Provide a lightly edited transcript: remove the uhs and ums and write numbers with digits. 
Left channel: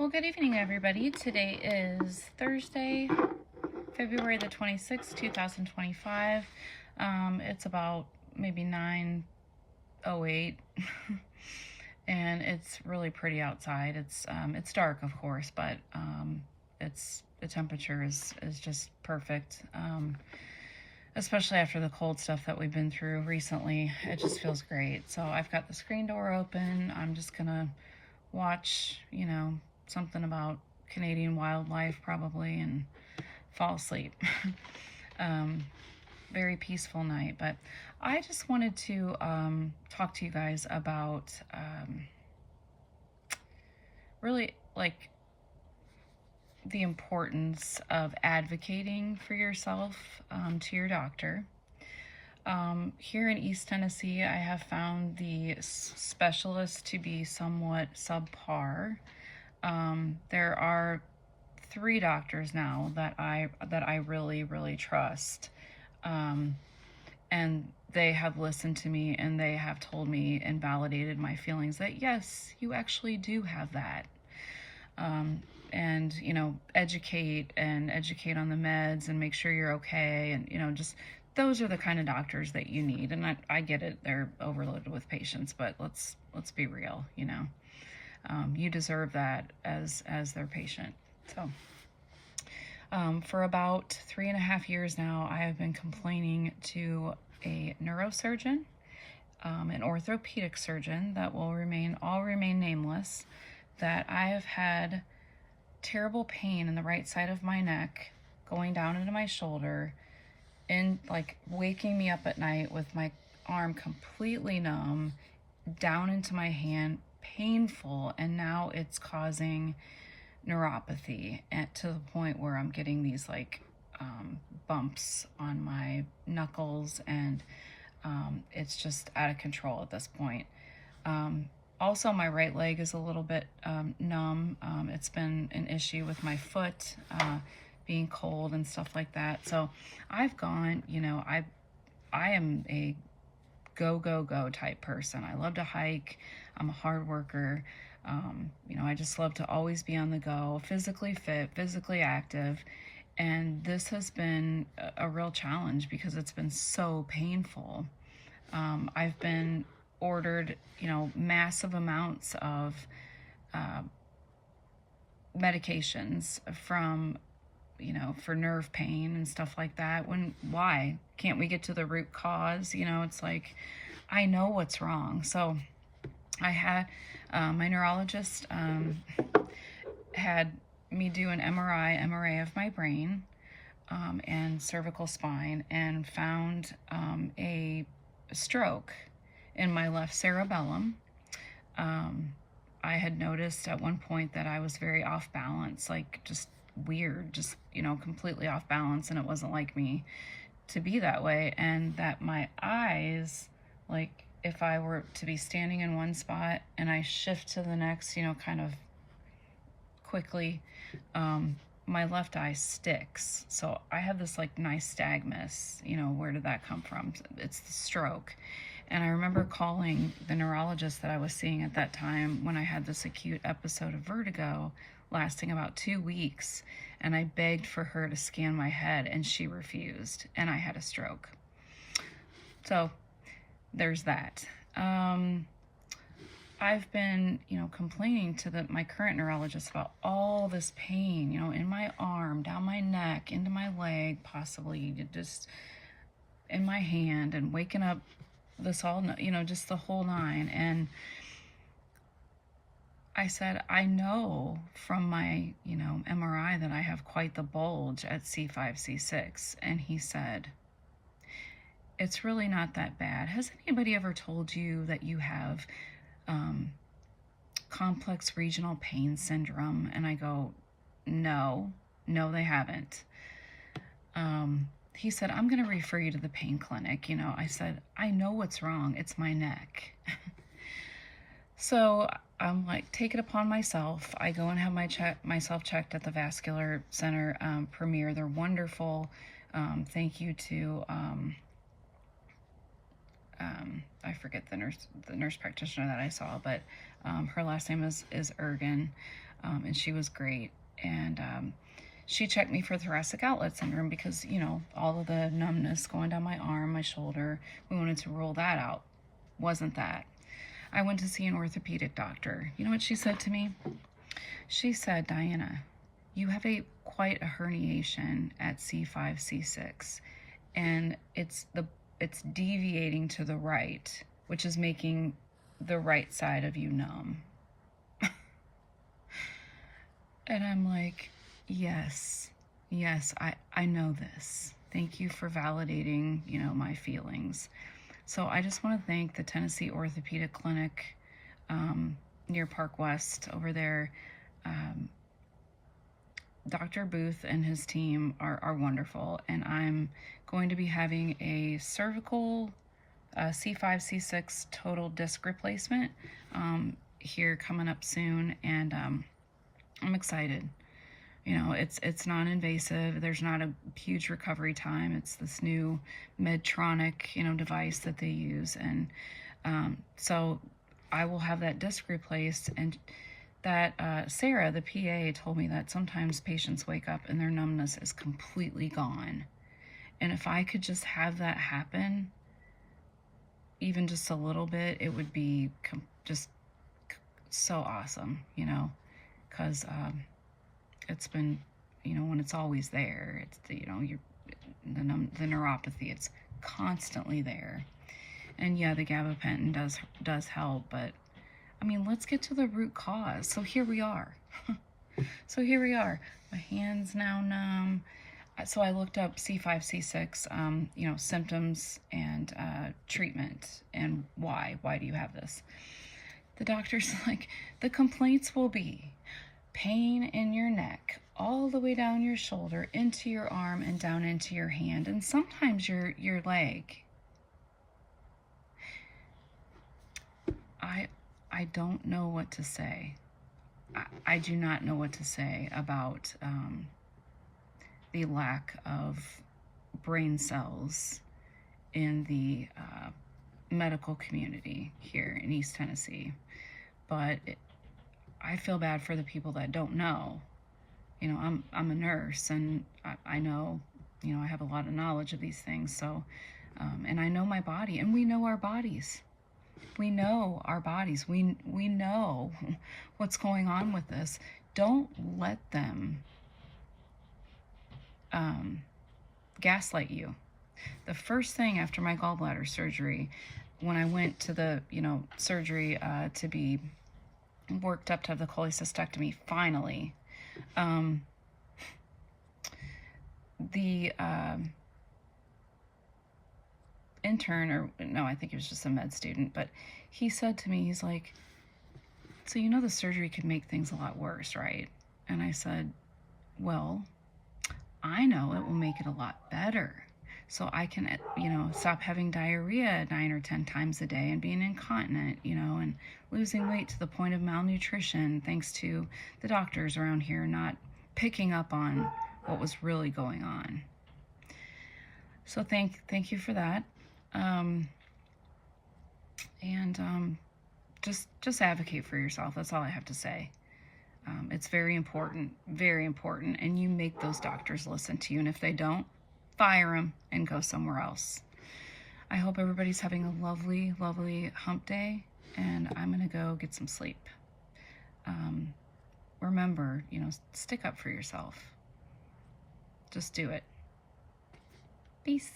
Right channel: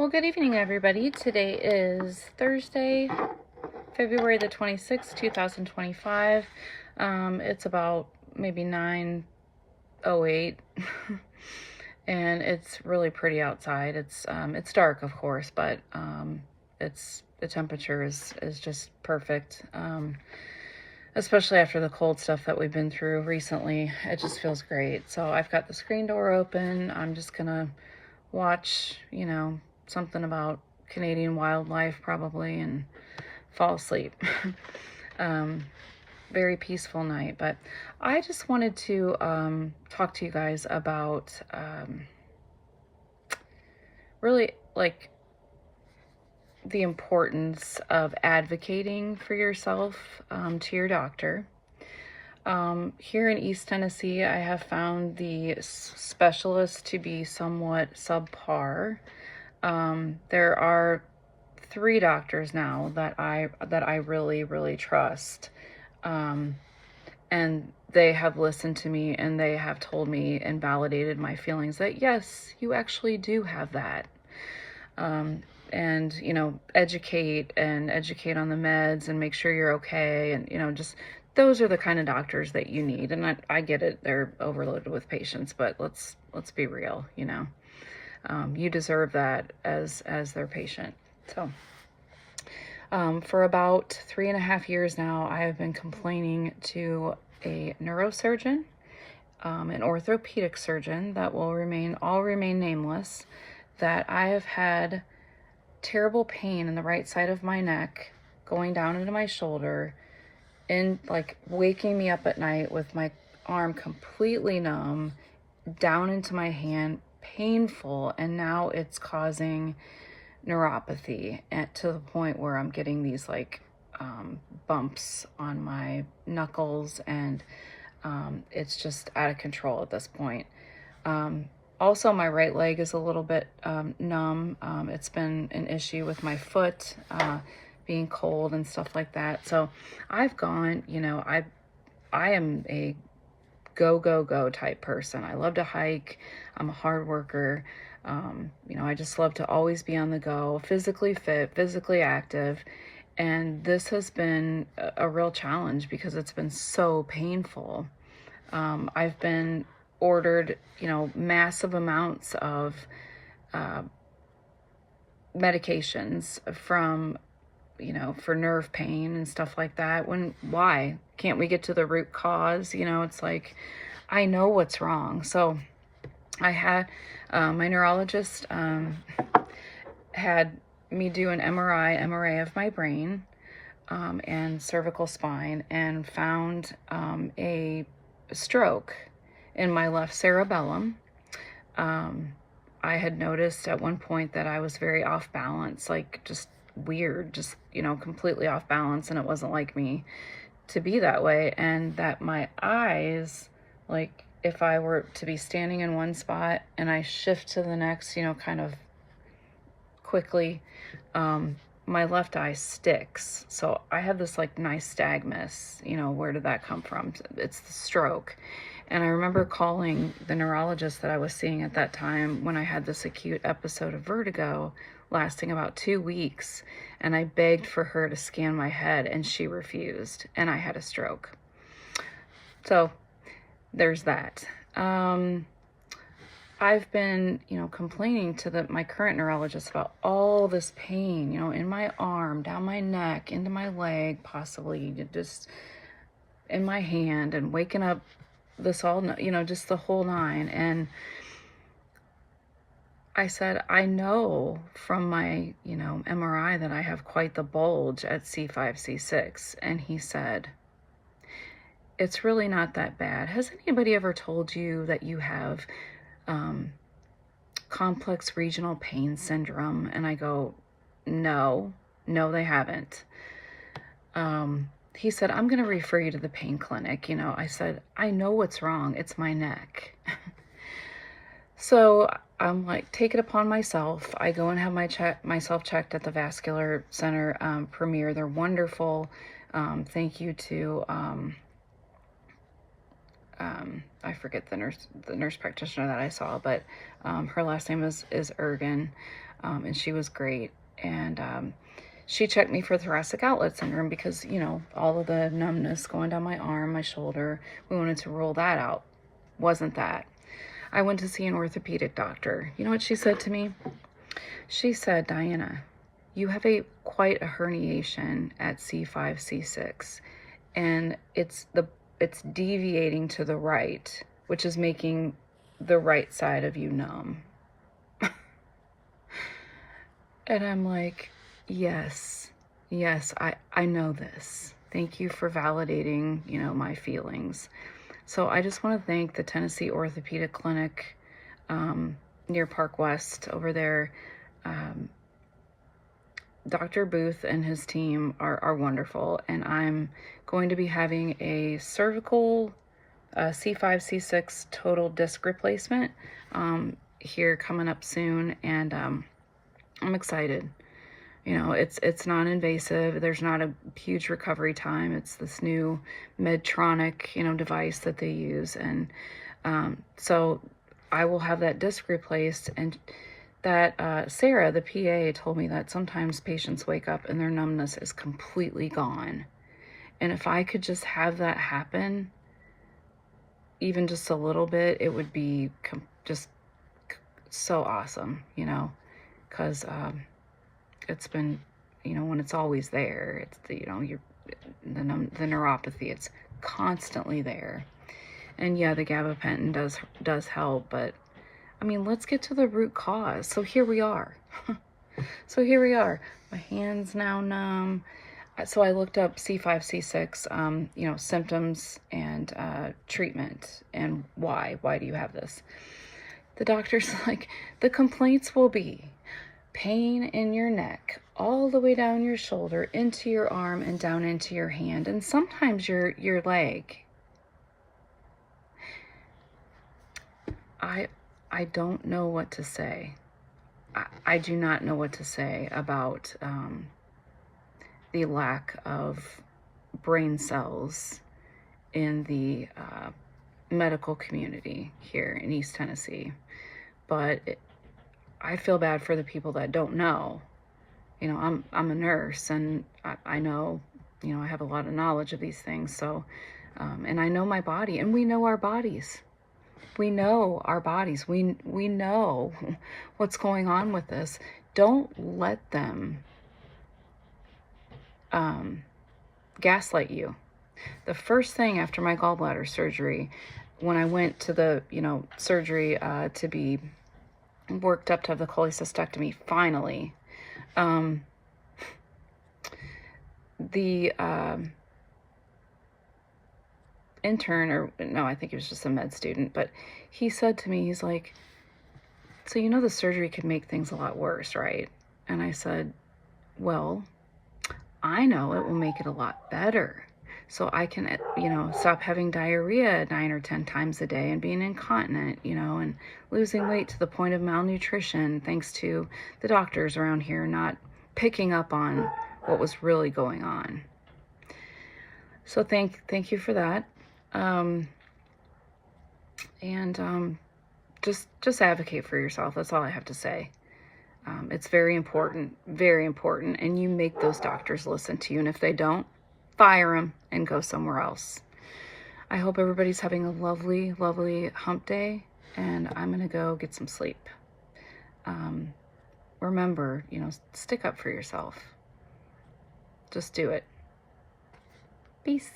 Well, good evening, everybody. Today is Thursday, February the 26th, 2025. It's about maybe 9:08, and it's really pretty outside. It's dark, of course, but the temperature is just perfect. Especially after the cold stuff that we've been through recently, it just feels great. So I've got the screen door open. I'm just gonna watch, something about Canadian wildlife probably and fall asleep. Very peaceful night, but I just wanted to talk to you guys about really like the importance of advocating for yourself to your doctor. Here in East Tennessee, I have found the specialists to be somewhat subpar. There are 3 doctors now that I really trust. And they have listened to me, and they have told me and validated my feelings that yes, you actually do have that. And educate on the meds and make sure you're okay, and just those are the kind of doctors that you need. And I get it, they're overloaded with patients, but let's be real. You deserve that as their patient. So for about 3.5 years now, I have been complaining to a neurosurgeon, an orthopedic surgeon that will remain nameless, that I have had terrible pain in the right side of my neck going down into my shoulder, and like waking me up at night with my arm completely numb down into my hand, painful, and now it's causing neuropathy to the point where I'm getting these bumps on my knuckles, and it's just out of control at this point. Also, my right leg is a little bit numb. It's been an issue with my foot being cold and stuff like that. So I've gone, I am a go type person. I love to hike. I'm a hard worker. I just love to always be on the go, physically fit, physically active. And this has been a real challenge because it's been so painful. I've been ordered, massive amounts of medications from, for nerve pain and stuff like that. Why can't we get to the root cause? It's like, I know what's wrong. So I had, my neurologist had me do an MRI of my brain and cervical spine, and found a stroke in my left cerebellum. I had noticed at one point that I was very off balance, like just weird, just, completely off balance, and it wasn't like me to be that way. And that my eyes, like if I were to be standing in one spot and I shift to the next, kind of quickly, my left eye sticks. So I have this nystagmus, where did that come from? It's the stroke. And I remember calling the neurologist that I was seeing at that time when I had this acute episode of vertigo lasting about 2 weeks. And I begged for her to scan my head, and she refused. And I had a stroke. So there's that. I've been, complaining to my current neurologist about all this pain, in my arm, down my neck, into my leg, possibly just in my hand, and waking up this all, just the whole 9. And I said, I know from my, MRI that I have quite the bulge at C5, C6. And he said, it's really not that bad. Has anybody ever told you that you have complex regional pain syndrome? And I go, no, they haven't. He said, I'm going to refer you to the pain clinic. I said, I know what's wrong. It's my neck. So I'm like, take it upon myself. I go and have myself checked at the vascular center, Premier. They're wonderful. Thank you to, I forget the nurse practitioner that I saw, but her last name is Ergen. and she was great. And she checked me for thoracic outlet syndrome because, you know, all of the numbness going down my arm, my shoulder, we wanted to rule that out. Wasn't that. I went to see an orthopedic doctor. You know what she said to me? She said, Diana, you have quite a herniation at C5, C6, and it's deviating to the right, which is making the right side of you numb. And I'm like, yes, I know this. Thank you for validating, you know, my feelings. So I just want to thank the Tennessee Orthopedic Clinic near Park West over there. Dr. Booth and his team are wonderful, and I'm going to be having a cervical C5, C6 total disc replacement here coming up soon, and I'm excited. You know, it's non-invasive. There's not a huge recovery time. It's this new Medtronic, you know, device that they use, and so I will have that disc replaced. And that Sarah, the PA, told me that sometimes patients wake up and their numbness is completely gone. And if I could just have that happen, even just a little bit, it would be just so awesome, you know, because it's been, you know, when it's always there, it's the, you know, the neuropathy, it's constantly there. And yeah, the gabapentin does help, but I mean, let's get to the root cause. So here we are. My hand's now numb. So I looked up C5, C6, you know, symptoms and treatment, and why do you have this? The doctor's like, the complaints will be pain in your neck, all the way down your shoulder, into your arm, and down into your hand, and sometimes your leg. I don't know what to say. I do not know what to say about the lack of brain cells in the medical community here in East Tennessee. But I feel bad for the people that don't know. You know, I'm a nurse, and I know, you know, I have a lot of knowledge of these things. So, and I know my body, and we know our bodies. We know our bodies. We know what's going on with this. Don't let them gaslight you. The first thing after my gallbladder surgery, when I went to the, you know, surgery to be worked up to have the cholecystectomy finally, the intern, or no, I think he was just a med student, but he said to me, he's like, so you know the surgery could make things a lot worse, right? And I said, well, I know it will make it a lot better. So I can, you know, stop having diarrhea 9 or 10 times a day and being incontinent, you know, and losing weight to the point of malnutrition, thanks to the doctors around here not picking up on what was really going on. So thank you for that. Just advocate for yourself. That's all I have to say. It's very important, and you make those doctors listen to you. And if they don't, fire them and go somewhere else. I hope everybody's having a lovely, lovely hump day, and I'm gonna go get some sleep. Remember, you know, stick up for yourself. Just do it. Peace.